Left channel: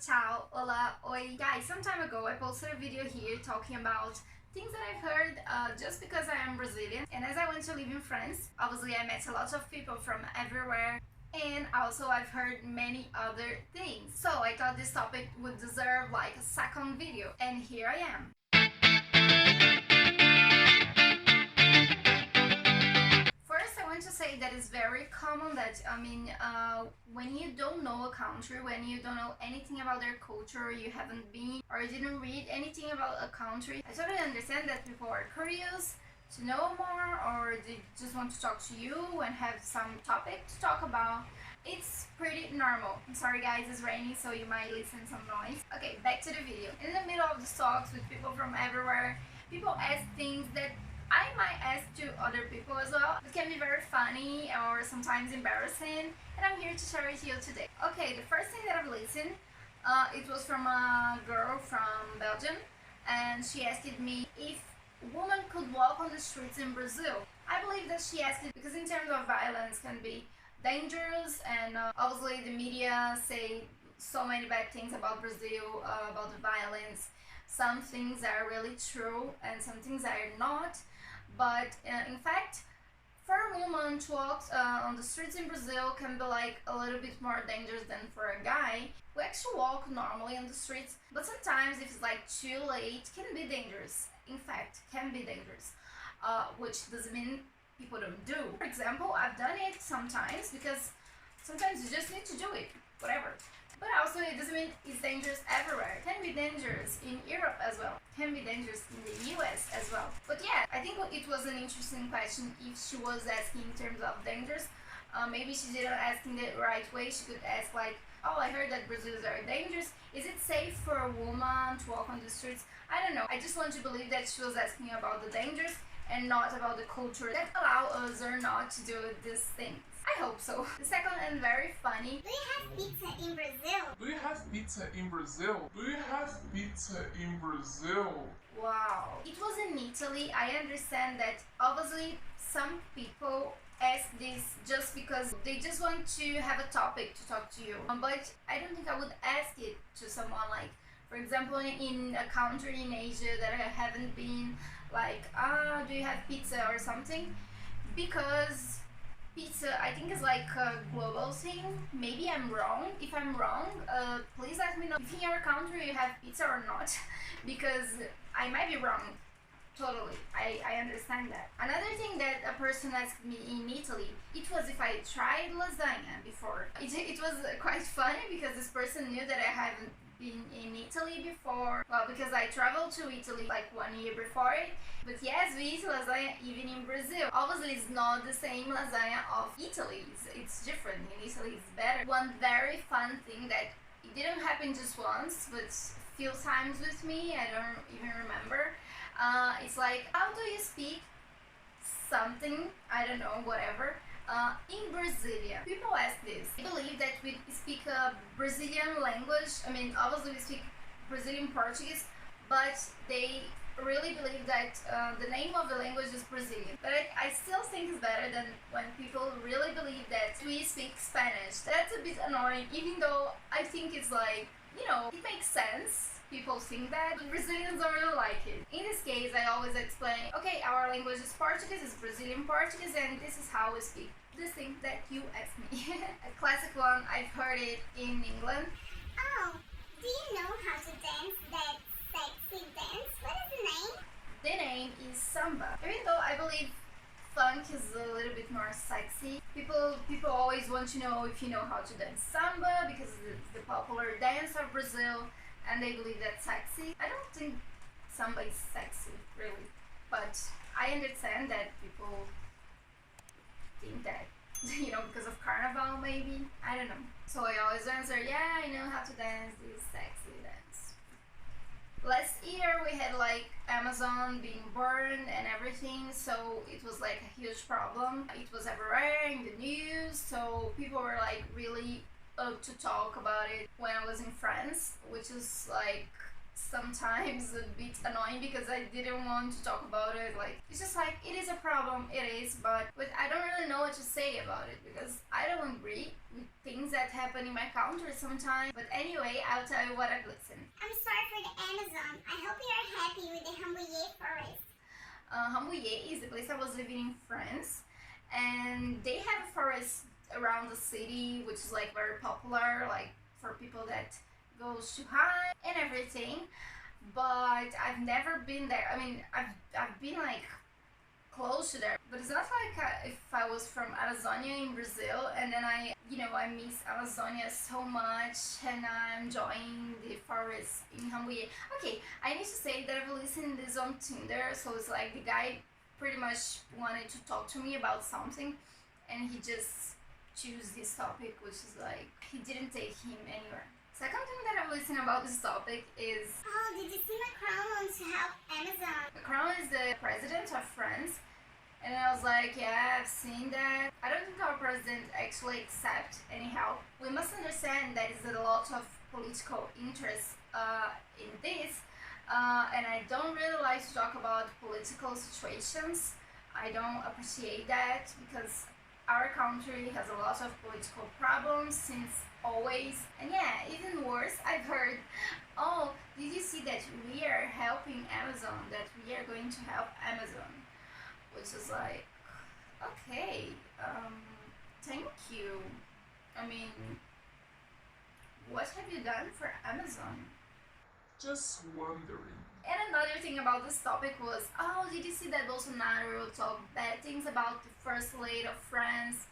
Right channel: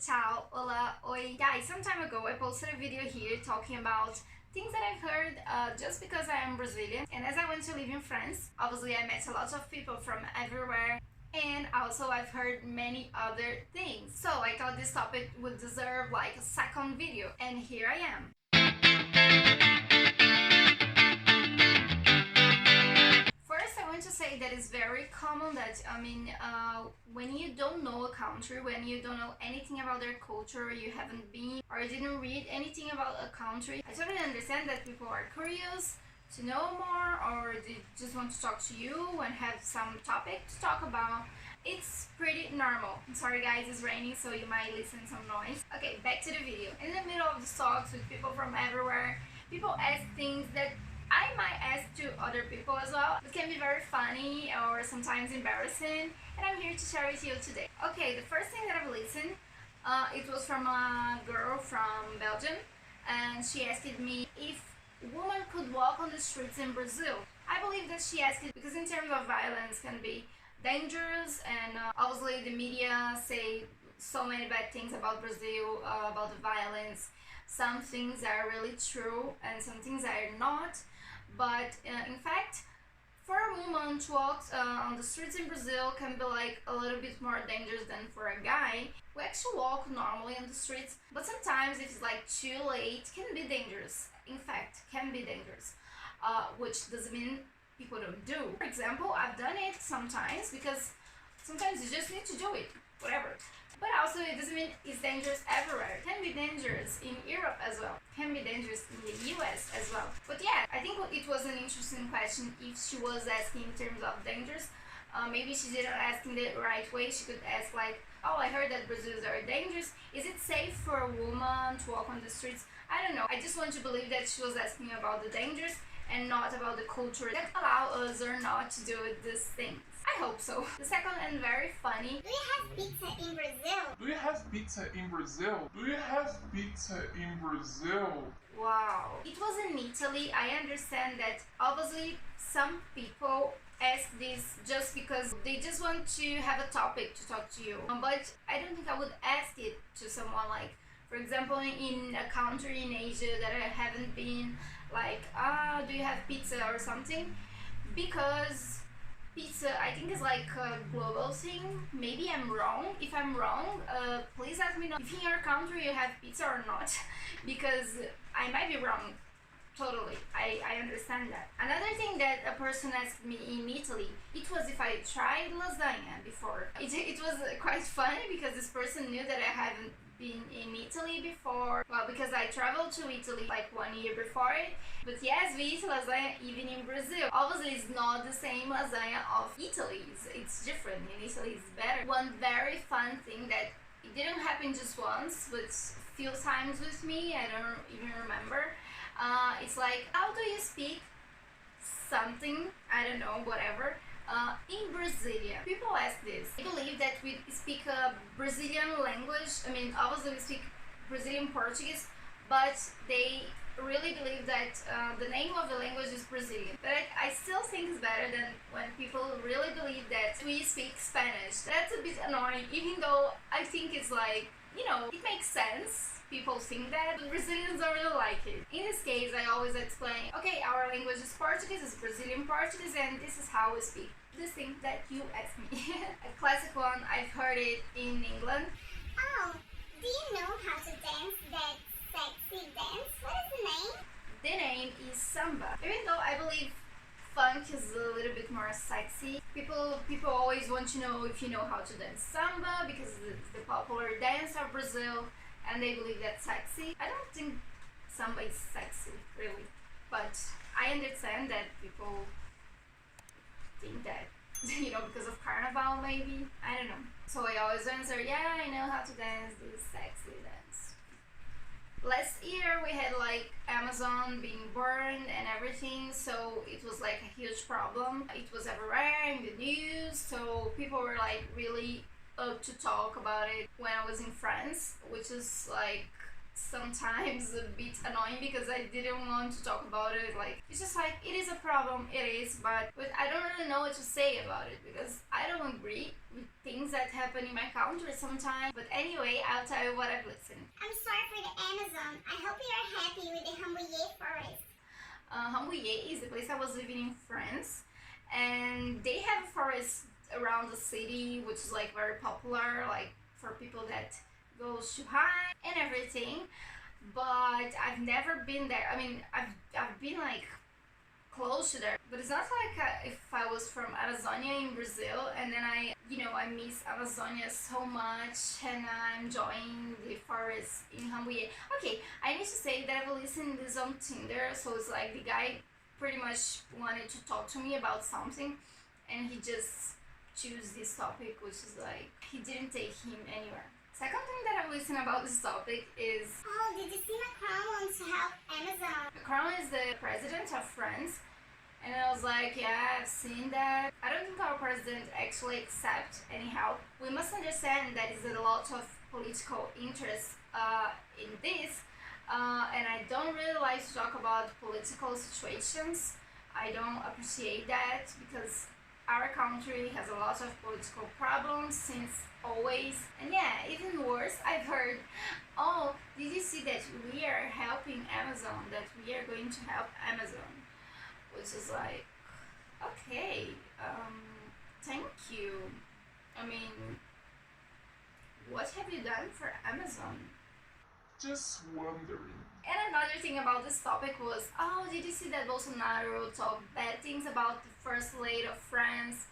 ciao, hola, oi. Guys, some time ago I posted a video here talking about things that I've heard just because I am Brazilian. And as I went to live in France, obviously I met a lot of people from everywhere. And also I've heard many other things. So I thought this topic would deserve like a second video. And here I am. First, I want to say that it's very common that, when you don't know a country, when you don't know anything about their culture, you haven't been or you didn't read anything about a country, I totally understand that people are curious to know more or they just want to talk to you and have some topic to talk about. It's pretty normal. I'm sorry guys, it's raining so you might listen some noise. Okay, back to the video. In the middle of the talks with people from everywhere, people ask things that I might ask to other people as well. It can be very funny or sometimes embarrassing, and I'm here to share with you today. Okay, the first thing that I've listened, it was from a girl from Belgium, and she asked me if women could walk on the streets in Brazil. I believe that she asked it because in terms of violence can be dangerous, and obviously the media say so many bad things about Brazil, about the violence. Some things are really true and some things are not. But in fact, for a woman to walk on the streets in Brazil can be like a little bit more dangerous than for a guy. We actually walk normally on the streets, but sometimes if it's like too late, can be dangerous. In fact, can be dangerous, which doesn't mean people don't do. For example, I've done it sometimes because sometimes you just need to do it, whatever. But also it doesn't mean it's dangerous everywhere. It can be dangerous in Europe as well. It can be dangerous in the US as well. But yeah, I think it was an interesting question if she was asking in terms of dangers. Maybe she didn't ask in the right way. She could ask like, oh, I heard that Brazil is very dangerous. Is it safe for a woman to walk on the streets? I don't know. I just want to believe that she was asking about the dangers and not about the culture that allow us or not to do these things. I hope so. The second and very funny. Do you have pizza in Brazil? Do you have pizza in Brazil? Do you have pizza in Brazil? Wow. It was in Italy. I understand that obviously some people ask this just because they just want to have a topic to talk to you. But I don't think I would ask it to someone like, for example, in a country in Asia that I haven't been, like, do you have pizza or something? Because pizza, I think, is like a global thing. Maybe I'm wrong. If I'm wrong, please let me know if in your country you have pizza or not, because I might be wrong. Totally, I understand that. Another thing that a person asked me in Italy, it was if I tried lasagna before. It was quite funny because this person knew that I haven't been in Italy before. Well, because I traveled to Italy like 1 year before it. But yes, we eat lasagna even in Brazil. Obviously, it's not the same lasagna of Italy. It's different. In Italy, it's better. One very fun thing that it didn't happen just once, but few times with me. I don't even remember. It's like, how do you speak something? I don't know, whatever. In Brazilian, people ask this. I believe that we speak a Brazilian language. I mean, obviously we speak Brazilian Portuguese, but they really believe that the name of the language is Brazilian. But I still think it's better than when people really believe that we speak Spanish. That's a bit annoying, even though I think it's like, you know, it makes sense. People think that, but Brazilians don't really like it. In this case, I always explain, okay, our language is Portuguese, it's Brazilian Portuguese, and this is how we speak. This thing that you asked me. A classic one, I've heard it in England. Oh, do you know how to dance that sexy dance? What is the name? The name is samba. Even though I believe funk is a little bit more sexy, people always want to know if you know how to dance samba because it's the popular dance of Brazil. And they believe that's sexy. I don't think samba is sexy, really. But I understand that people think that, you know, because of carnival, maybe. I don't know. So I always answer, yeah, I know how to dance this sexy dance. Last year we had like Amazon being burned and everything, so it was like a huge problem. It was everywhere in the news, so people were like really up to talk about it when I was in France, which is like sometimes a bit annoying because I didn't want to talk about it. Like, it's just like, it is a problem, it is, but I don't really know what to say about it because I don't agree with things that happen in my country sometimes. But anyway, I'll tell you what I've listened. I'm sorry for the Amazon. I hope you're happy with the Hiii forest. Hiii is the place I was living in France, and they have a forest around the city which is like very popular, like for people that goes to Hiii and everything. But I've never been there. I mean, I've been like close to there, but it's not like if I was from Amazonia in Brazil and then I miss Amazonia so much and I'm enjoying the forest in Hiii. Okay, I need to say that I've listened this on Tinder, so it's like the guy pretty much wanted to talk to me about something and he just choose this topic, which is like, he didn't take him anywhere. Second thing that I've listened about this topic is... Oh, did you see Macron wants to help Amazon? Macron is the president of France, and I was like, yeah, I've seen that. I don't think our president actually accepts any help. We must understand that is a lot of political interest in this, and I don't really like to talk about political situations. I don't appreciate that because our country has a lot of political problems since always. And yeah, even worse, I've heard, oh, did you see that we are helping Amazon, that we are going to help Amazon, which is like, okay, thank you. I mean, what have you done for Amazon? Just wondering. And another thing about this topic was, oh, did you see that Bolsonaro talked bad things about the first lady of France?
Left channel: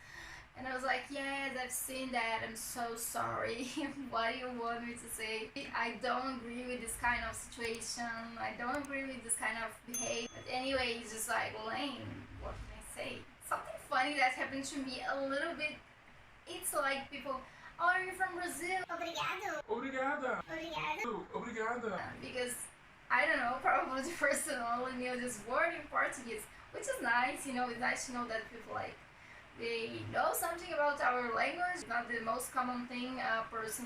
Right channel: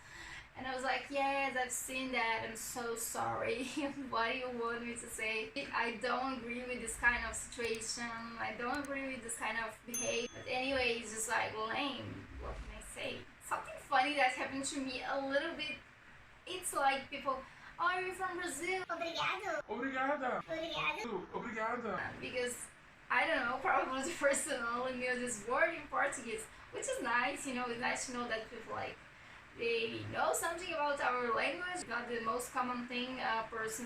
And I was like, yes, I've seen that, I'm so sorry. What do you want me to say? I don't agree with this kind of situation, I don't agree with this kind of behavior. But anyway, it's just like lame, what can I say? Something funny that happened to me a little bit, it's like people, oh, are you from Brazil? Obrigado. Obrigada. Obrigado. Obrigada. Because, I don't know, probably the person only knew this word in Portuguese, which is nice, it's nice to know that people like, they know something about our language. Not the most common thing a person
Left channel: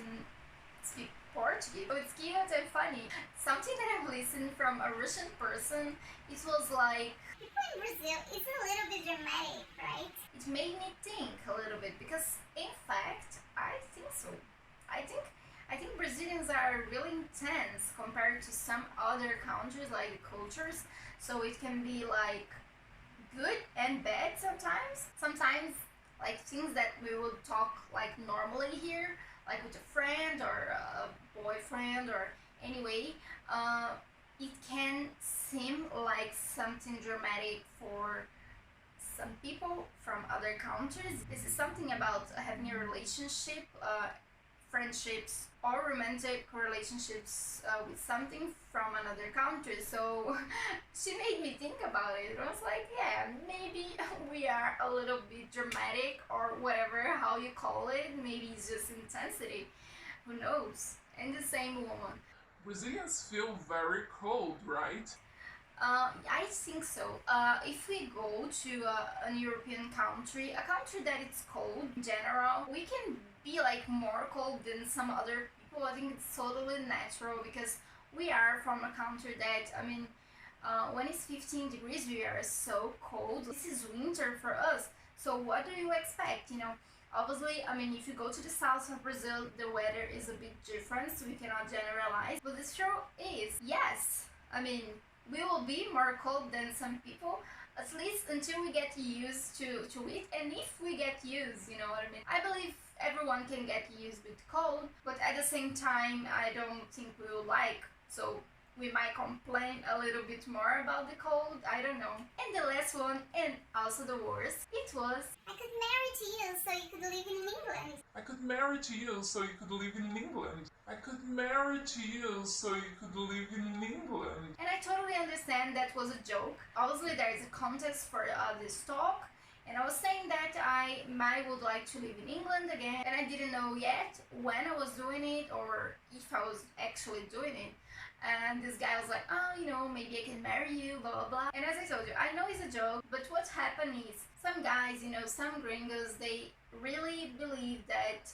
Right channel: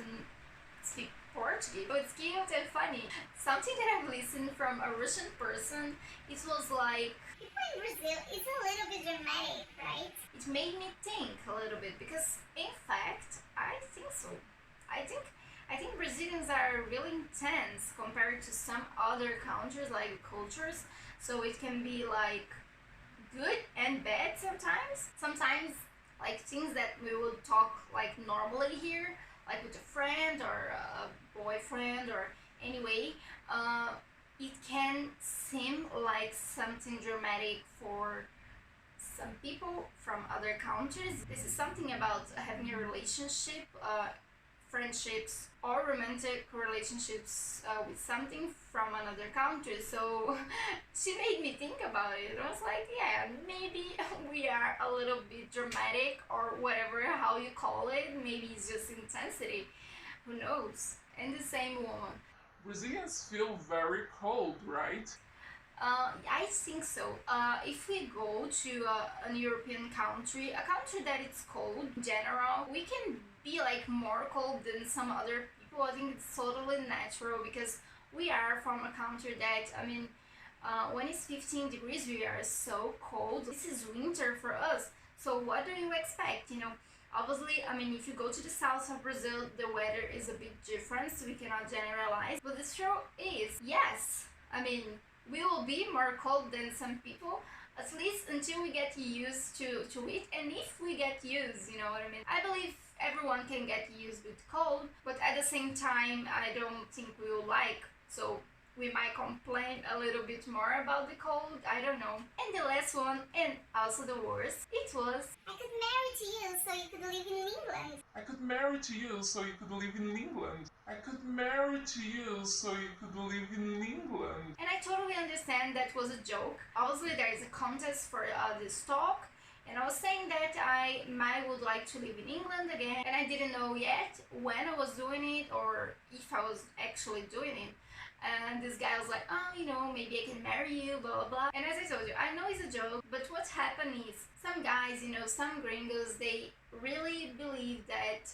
speak Portuguese. So it's cute and funny. Something that I've listened from a Russian person, it was like, People in Brazil is a little bit dramatic, right? it made me think a little bit because in fact, I think so. I think Brazilians are really intense compared to some other countries, like cultures. So it can be like good and bad sometimes. Sometimes like things that we would talk like normally here, like with a friend or a boyfriend or anyway, it can seem like something dramatic for some people from other countries. This is something about having a relationship, friendships or romantic relationships with something from another country. So she made me think about it. I was like, yeah, maybe we are a little bit dramatic or whatever, how you call it. Maybe it's just intensity. Who knows? And the same woman. Brazilians feel very cold, right? I think so. If we go to an European country, a country that it's cold in general, we can be like more cold than some other people. I think it's totally natural because we are from a country that, I mean, when it's 15 degrees, we are so cold. This is winter for us. So what do you expect? Obviously, I mean, if you go to the south of Brazil, the weather is a bit different, so we cannot generalize. But the truth is, yes, I mean, we will be more cold than some people, at least until we get used to it. And if we get used, you know what I mean? I believe everyone can get used with cold, but at the same time, I don't think we will like. So we might complain a little bit more about the cold, I don't know. And the last one, and also the worst, it was, I could marry to you so you could live in England. I could marry to you so you could live in England. I could marry to you so you could live in England. and I totally understand that was a joke. Obviously, there is a contest for this talk, and I was saying that I might would like to live in England again, and I didn't know yet when I was doing it or if I was actually doing it. And this guy was like, oh, maybe I can marry you, blah, blah, blah. And as I told you, I know it's a joke, but what happened is some guys, some gringos, they really believe that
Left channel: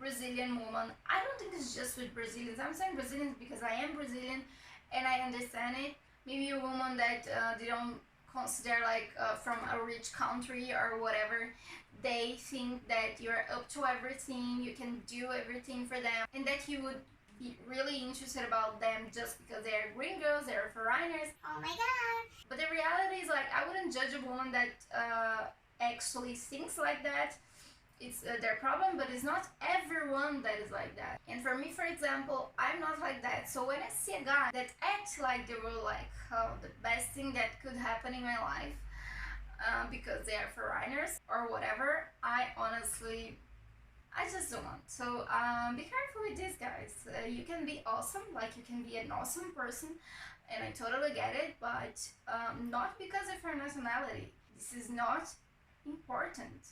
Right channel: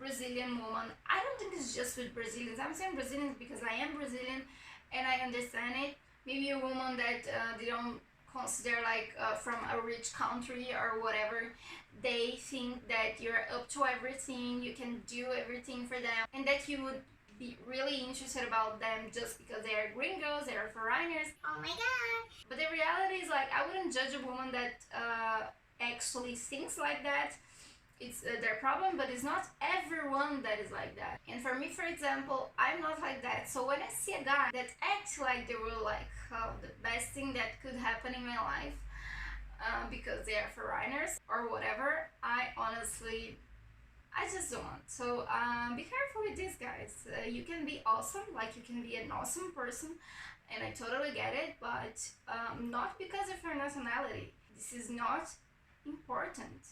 Brazilian woman. I don't think it's just with Brazilians. I'm saying Brazilians because I am Brazilian and I understand it. Maybe a woman that they don't consider like from a rich country or whatever, they think that you're up to everything, you can do everything for them, and that you would be really interested about them just because they're gringos, they're foreigners. Oh my god. But the reality is, like, I wouldn't judge a woman that actually thinks like that. It's their problem, but it's not everyone that is like that. And for me, for example, I'm not like that. So when I see a guy that acts like they were like the best thing that could happen in my life because they are foreigners or whatever, I just don't want. So be careful with this, guys. You can be awesome, like you can be an awesome person, and I totally get it, but not because of your nationality. This is not important.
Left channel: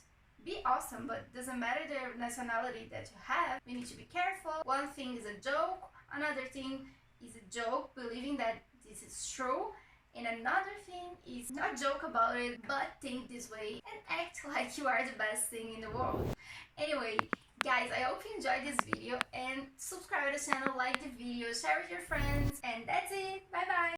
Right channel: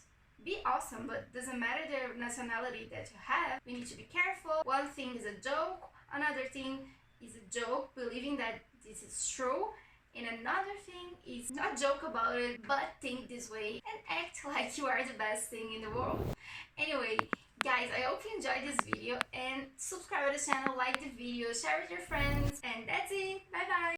Be awesome, but doesn't matter the nationality that you have. We need to be careful. One thing is a joke, another thing is a joke believing that this is true, and another thing is not joke about it but think this way and act like you are the best thing in the world. Anyway, guys, I hope you enjoyed this video, and subscribe to the channel, like the video, share with your friends, and that's it. Bye bye.